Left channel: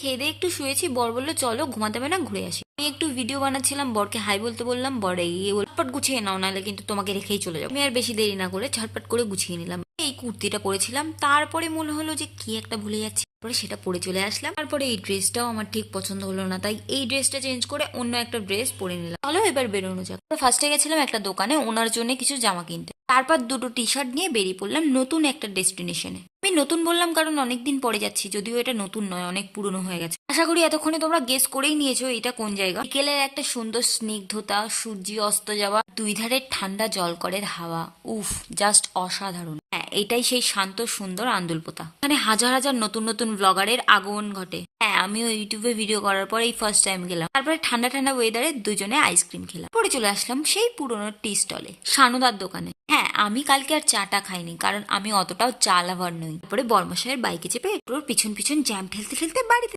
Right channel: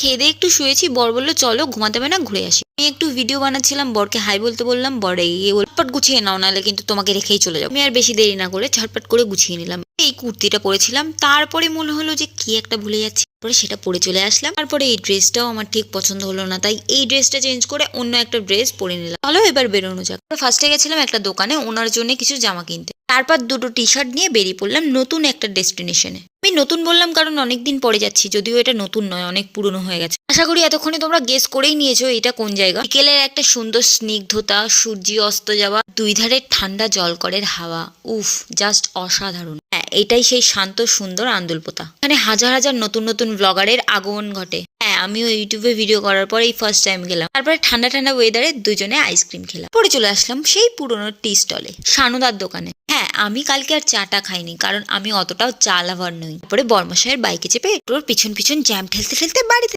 খেয়ে দিয়ে একটু শুয়েছি, বর বললো চলো ঘুমাতে হবে না, ঘুরে আসি। আমি একটু ভিডিও বানাচ্ছিলাম, বরকে হাই বলতে বললাম, বর এই ঝটপট গুছিয়ে নাও, নাহলে কিন্তু তোমাকে রেখেই চলে যাবো। আমি আর বেশি দেরি না করে ঝটপট করে গুছিয়ে নিলাম। এই কুর্তিটা পরেছিলাম, তারপরে মনে হলো যে কি একটা ভুলে যাচ্ছি, পরে সেটা পরে চলে আসলাম। তারপরে এই ড্রেসটাও আমার ঠিক পছন্দ হলো না, তাই এই ড্রেসটা চেঞ্জ করে অন্য একটা ড্রেস পরে নিলাম। চলো এবার বেরোনো যাক। ফার্স্টে গেছিলাম একটা দোকানে ওনার জন্য কিছু জামা কিনতে, তারপর দুটো টি শার্ট নিয়ে বেরিয়ে পড়লাম নতুন একটা ডেস্টিনেশনে। আমি নতুন বললাম কারণ অনেকদিন পরে যাচ্ছি, যদিও এটা নতুন নয়, অনেক পুরনো হয়ে গেছে। আশা করি এতক্ষণে তোমরা গেস করেই নিয়েছো এটা কোন জায়গা। বিকেলের একটা সুন্দর স্নিগ্ধতা, সূর্য অস্ত যাওয়া, দুই ধারে ঠান্ডা জলকরের হাওয়া, উফ জাস্ট অসাধারণ। হ্যাঁ, এটাই সেই শান্ত সুন্দর আন্দুলপোতা। এখানে হাজার হাজার নতুন নতুন ব্লগারের আগমন ঘটে। হ্যাঁ, আমিও ইউটিউবে ভিডিও করার পর এই ফার্স্ট টাইম গেলাম। তারপরে ঠান্ডা ঠান্ডা ওয়েদারে দুজনে আইসক্রিম খেলাম। পরে চলে আসলাম সেই পুরনো টি স্টলে, শানুদার দোকানে। হ্যাঁ, আমি কালকে আর চাটা খাইনি, কারণ আমি অতটাও চা লাভার নই। তারপরে বর্মশাইয়ের বাইকে চেপে তোর পিছন পিছন জ্যাম ঠেলতে ঠেলতে বাড়িতে